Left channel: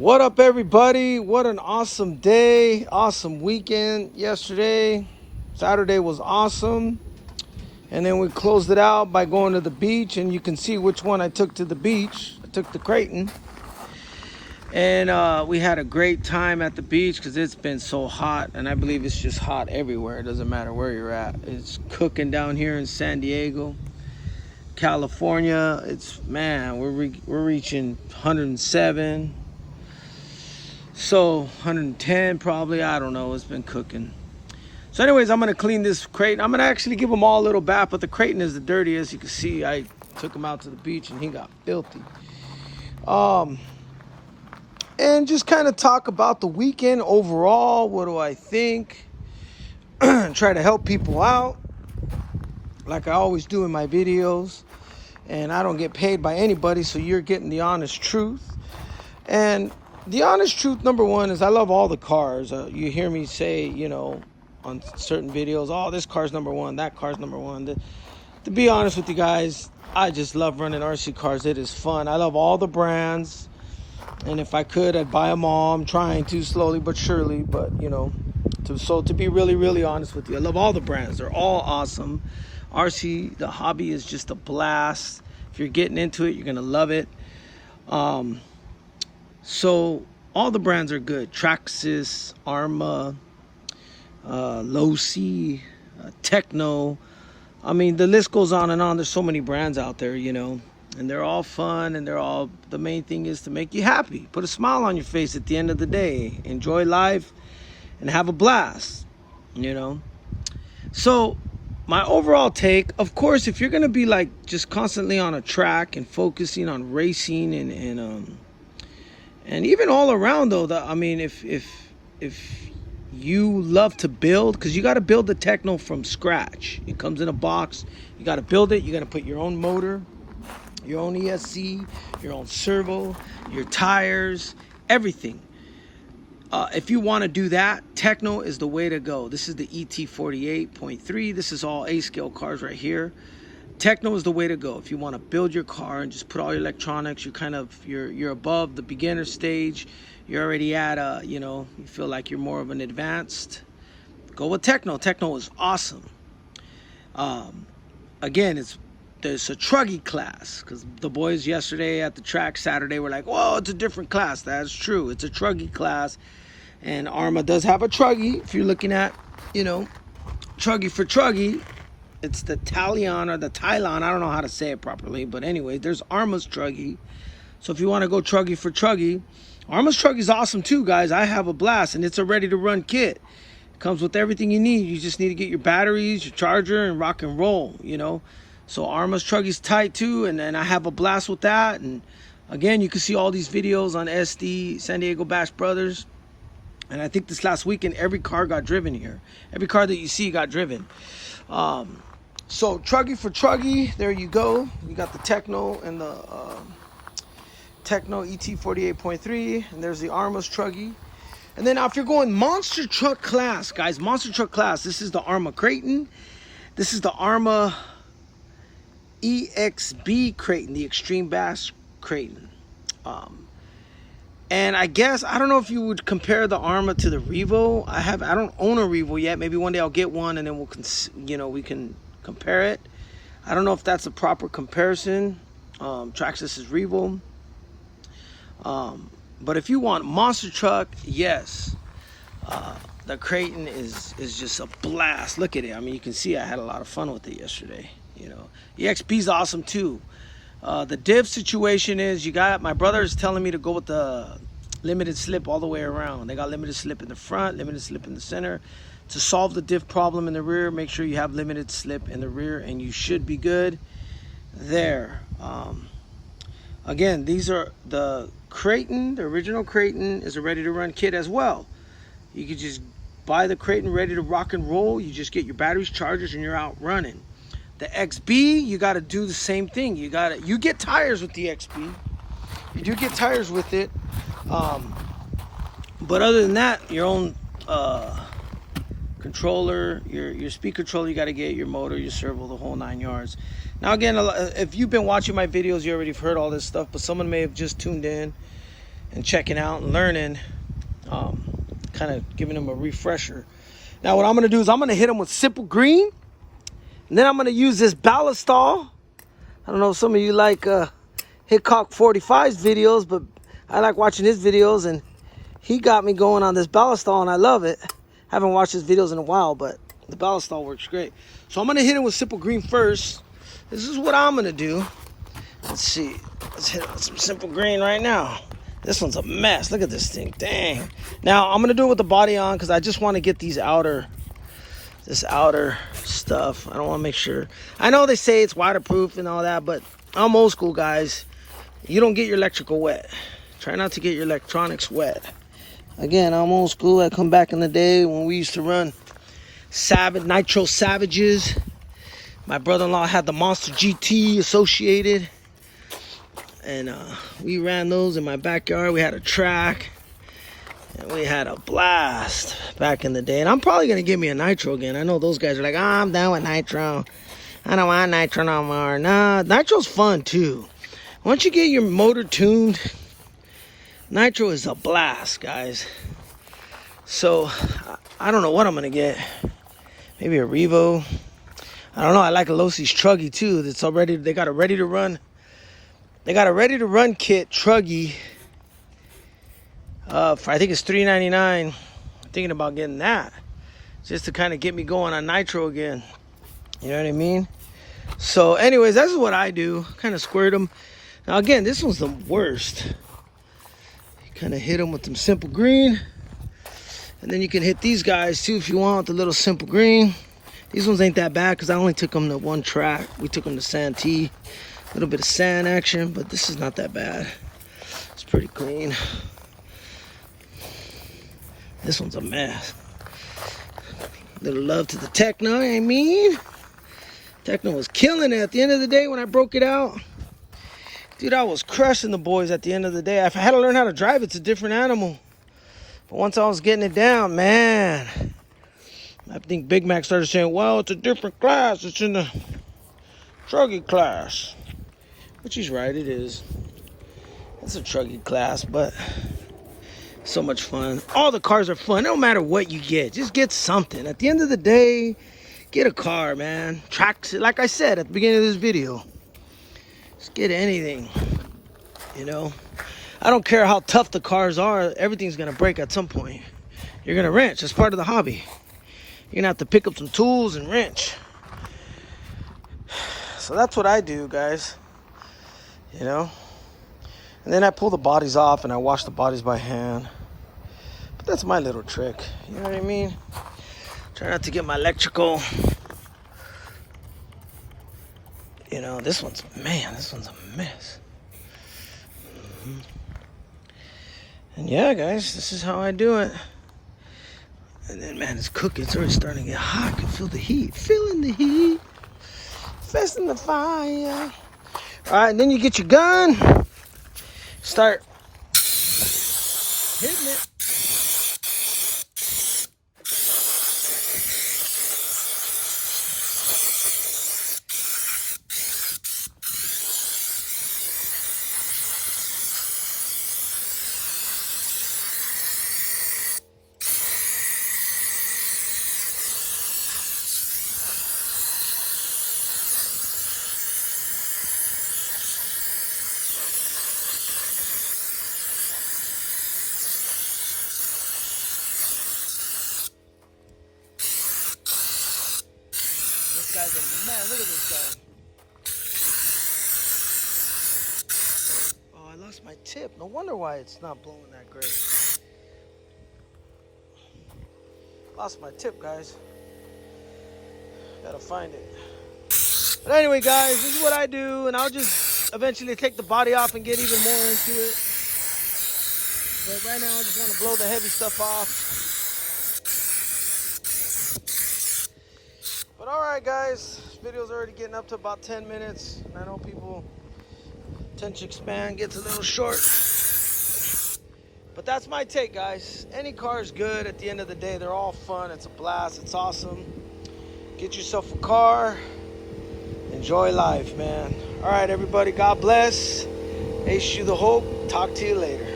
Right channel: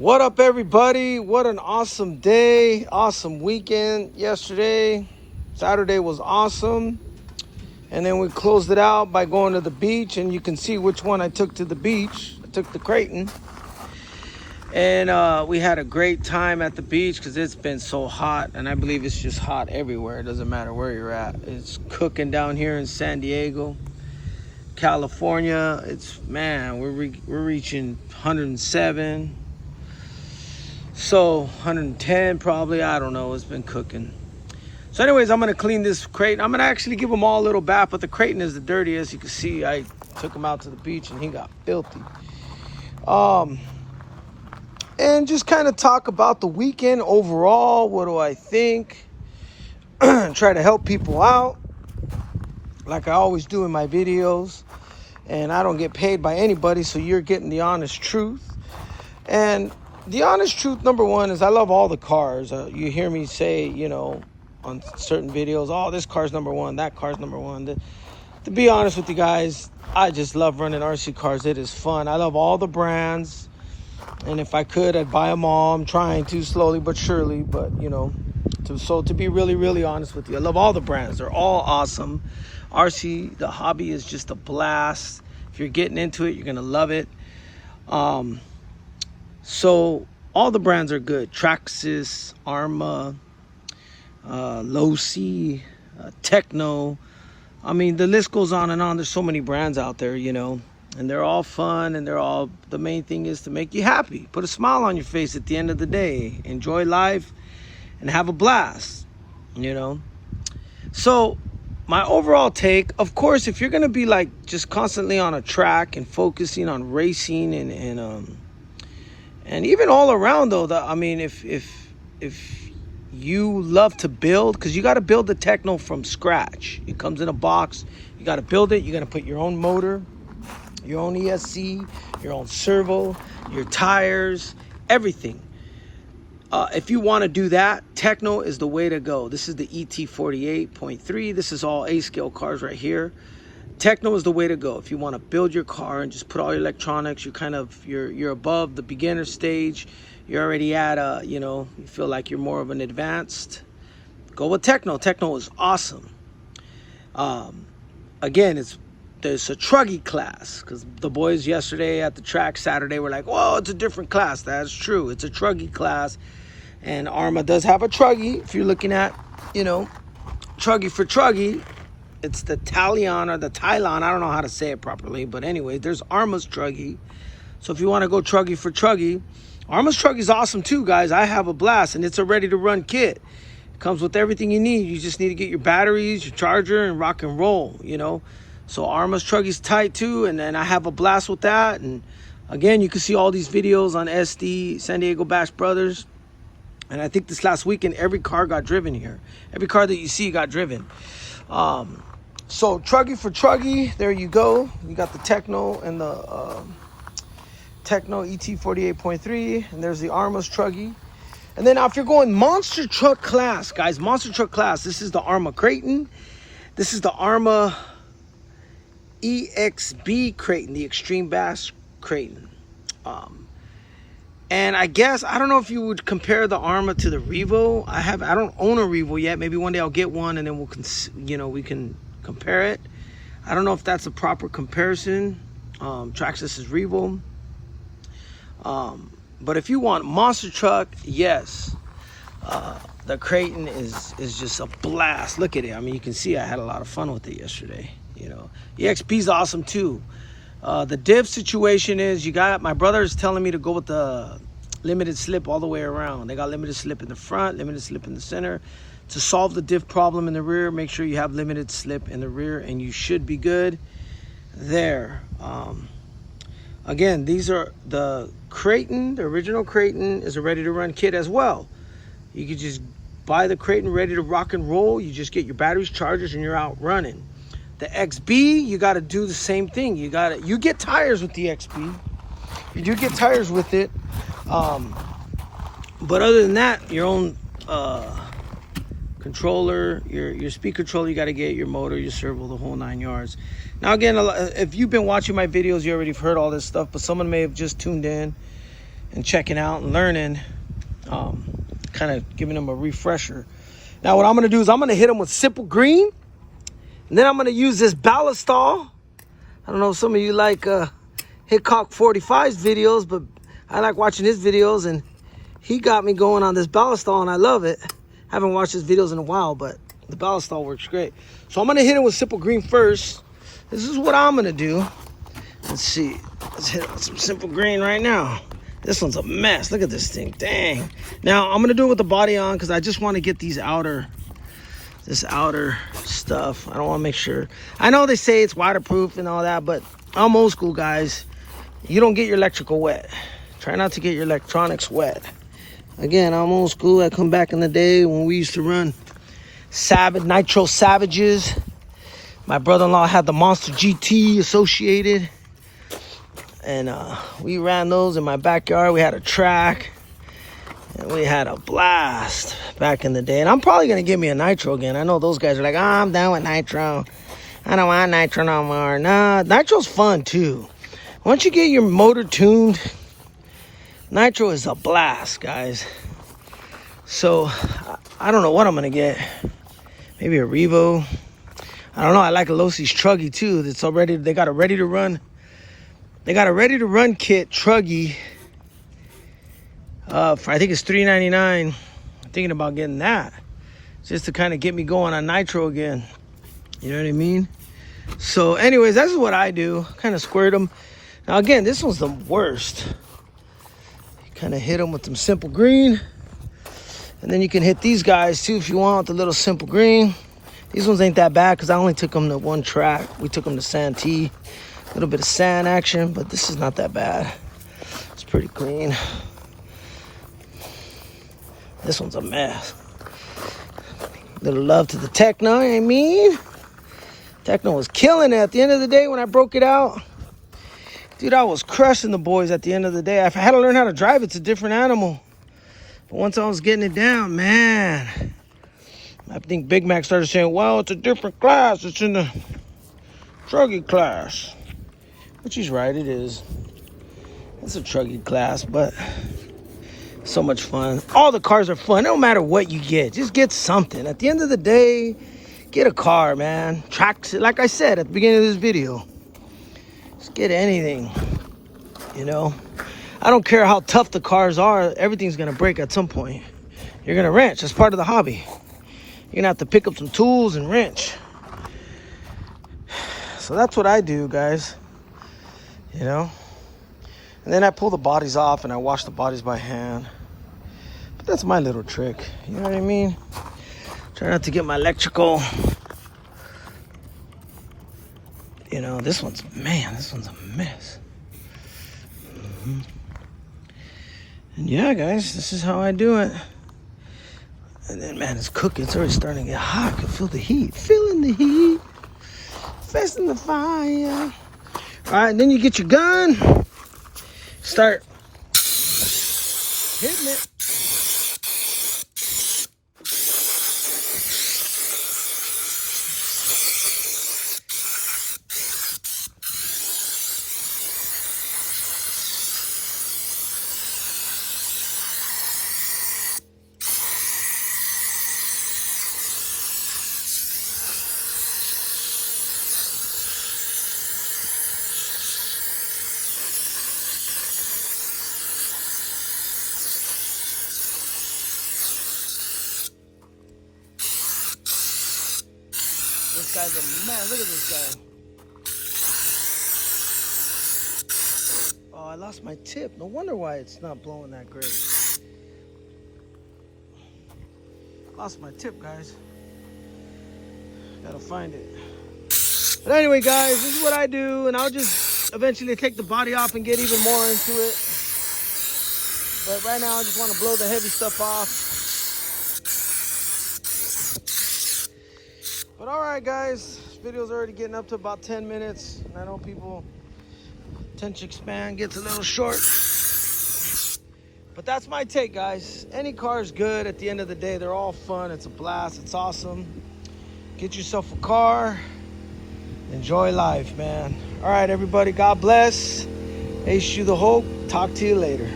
What up, everybody? What an awesome day, awesome weekend yesterday. Saturday was awesome. And then we closed it out by going to the beach, and you can see which one I took to the beach. I took the Kraton. And we had a great time at the beach because it's been so hot, and I believe it's just hot everywhere. It doesn't matter where you're at. It's cooking down here in San Diego, California. We're reaching 107. So 110 probably, I don't know. It's been cooking. So anyways, I'm gonna clean this Kraton. I'm gonna actually give them all a little bath, but the Kraton is the dirtiest. You can see I took him out to the beach and he got filthy. And just kind of talk about the weekend overall. What do I think? Try to help people out like I always do in my videos. And I don't get paid by anybody, so you're getting the honest truth. And the honest truth, number one, is I love all the cars. You hear me say, on certain videos, oh, this car's number one, that car's number one. To be honest with you guys, I just love running RC cars. It is fun. I love all the brands. And if I could, I'd buy them all. I'm trying to, slowly but surely. But, to be really, really honest with you, I love all the brands. They're all awesome. RC, the hobby is just a blast. If you're getting into it, you're going to love it. So all the brands are good. Traxxas, Arma, Losi, Tekno. I mean, the list goes on and on. There's so many brands out there, and they're all fun, and the main thing is to make you happy. Put a smile on your face at the end of the day. Enjoy life and have a blast, So my overall take, of course, if you're going to be like just constantly on a track and focusing on racing and even all around though, if you love to build, because you got to build the Tekno from scratch. It comes in a box. You got to build it. You got to put your own motor, your own ESC, your own servo, your tires, everything. If you want to do that, Tekno is the way to go. This is the ET48.3. This is all A-scale cars right here. Tekno is the way to go. If you want to build your car and just put all your electronics, you're above the beginner stage. You're already at you feel like you're more of an advanced. Go with Tekno. Tekno is awesome. Again, there's a truggy class, because the boys yesterday at the track Saturday were like, "Whoa, it's a different class." That's true. It's a truggy class, and Arma does have a truggy. If you're looking at, truggy for truggy. It's the talion or the talion. I don't know how to say it properly. But anyway, there's Arma's truggy. So if you want to go truggy for truggy, Arma's truggy is awesome too, guys. I have a blast, and it's a ready-to-run kit. It comes with everything you need. You just need to get your batteries, your charger, and rock and roll, So Arma's truggy's tight too, and then I have a blast with that. And again, you can see all these videos on SD, San Diego Bash Brothers. And I think this last weekend, every car got driven here. Every car that you see got driven. So truggy for truggy, there you go. You got the Tekno and the Tekno ET48.3, and there's the Arma's truggy. And then now if you're going monster truck class, guys, monster truck class, this is the Arma Kraton. This is the Arma EXB Kraton, the Extreme Bash Kraton. And I guess, I don't know if you would compare the Arma to the Revo. I don't own a Revo yet. Maybe one day I'll get one, and then we can compare it. I don't know if that's a proper comparison. Traxxas is Revo. But if you want monster truck, yes, the Kraton is just a blast. Look at it. I mean, you can see I had a lot of fun with it yesterday. EXB is awesome too. The diff situation is, my brother is telling me to go with the limited slip all the way around. They got limited slip in the front, limited slip in the center. To solve the diff problem in the rear, make sure you have limited slip in the rear, and you should be good there. Again, these are the Kraton. The original Kraton is a ready-to-run kit as well. You could just buy the Kraton ready to rock and roll. You just get your batteries, chargers, and you're out running. The XB, you got to do the same thing. You get tires with the XB. You do get tires with it. But other than that, your own controller, your speed controller, you got to get your motor, your servo, the whole 9 yards. Now again, if you've been watching my videos, you already heard all this stuff, but someone may have just tuned in and checking out and learning, kind of giving them a refresher. Now what I'm going to do is I'm going to hit them with simple green, and then I'm going to use this ballistol. I don't know if some of you like Hitchcock 45's videos, but I like watching his videos, and he got me going on this ballistol, and I love it. Haven't watched his videos in a while, but the ballistol works great. So I'm going to hit it with simple green first. This is what I'm going to do. Let's see. Let's hit some simple green right now. This one's a mess. Look at this thing. Dang. Now, I'm going to do it with the body on because I just want to get this outer stuff. I don't want to make sure. I know they say it's waterproof and all that, but I'm old school, guys. You don't get your electrical wet. Try not to get your electronics wet. Again, I'm old school. I come back in the day when we used to run Nitro Savages. My brother-in-law had the Monster GT associated, and we ran those in my backyard. We had a track, and we had a blast back in the day. And I'm probably gonna give me a Nitro again. I know those guys are like, oh, I'm down with Nitro. I don't want Nitro no more. Nah, Nitro's fun too. Once you get your motor tuned, Nitro is a blast, guys. So I don't know what I'm gonna get. Maybe a Revo. I don't know. I like a Losi's Truggy too. It's already, they got a ready to run. They got a ready to run kit Truggy. For I think it's $3.99. I'm thinking about getting that just to kind of get me going on Nitro again. You know what I mean? So, anyways, that's what I do. Kind of squirt them. Now again, this one's the worst. You kind of hit them with some simple green, and then you can hit these guys too if you want, the little simple green. These ones ain't that bad because I only took them to one track. We took them to Santee. A little bit of sand action, but this is not that bad. It's pretty clean. This one's a mess. Little love to the Tekno, I mean. Tekno was killing it at the end of the day when I broke it out. Dude, I was crushing the boys at the end of the day. I had to learn how to drive. It's a different animal. But once I was getting it down, man, I think Big Mac started saying, well, it's a different class. It's in the truggy class. Which he's right, it is. It's a truggy class, but so much fun. All the cars are fun. It don't matter what you get. Just get something. At the end of the day, get a car, man. Tracks, like I said at the beginning of this video. Just get anything, you know. I don't care how tough the cars are. Everything's going to break at some point. You're going to wrench. It's part of the hobby. You're going to have to pick up some tools and wrench. So that's what I do, guys. You know? And then I pull the bodies off and I wash the bodies by hand. But that's my little trick. You know what I mean? Try not to get my electrical. You know, this one's a mess. And yeah, guys, this is how I do it. And then, man, it's cooking. It's already starting to get hot. I can feel the heat. Feeling the heat. Festing the fire. All right, and then you get your gun. Start hitting it. This guy's a man. Look at this guy. Oh, I lost my tip. No wonder why it's not blowing that great. Lost my tip, guys. Gotta find it. But anyway, guys, this is what I do, and I'll just eventually take the body off and get even more into it. But right now, I just want to blow the heavy stuff off. But all right, guys, this video's already getting up to about 10 minutes. And I know people attention span gets a little short. But that's my take, guys. Any car is good at the end of the day. They're all fun. It's a blast. It's awesome. Get yourself a car. Enjoy life, man. All right, everybody. God bless. Ace you the Hulk. Talk to you later.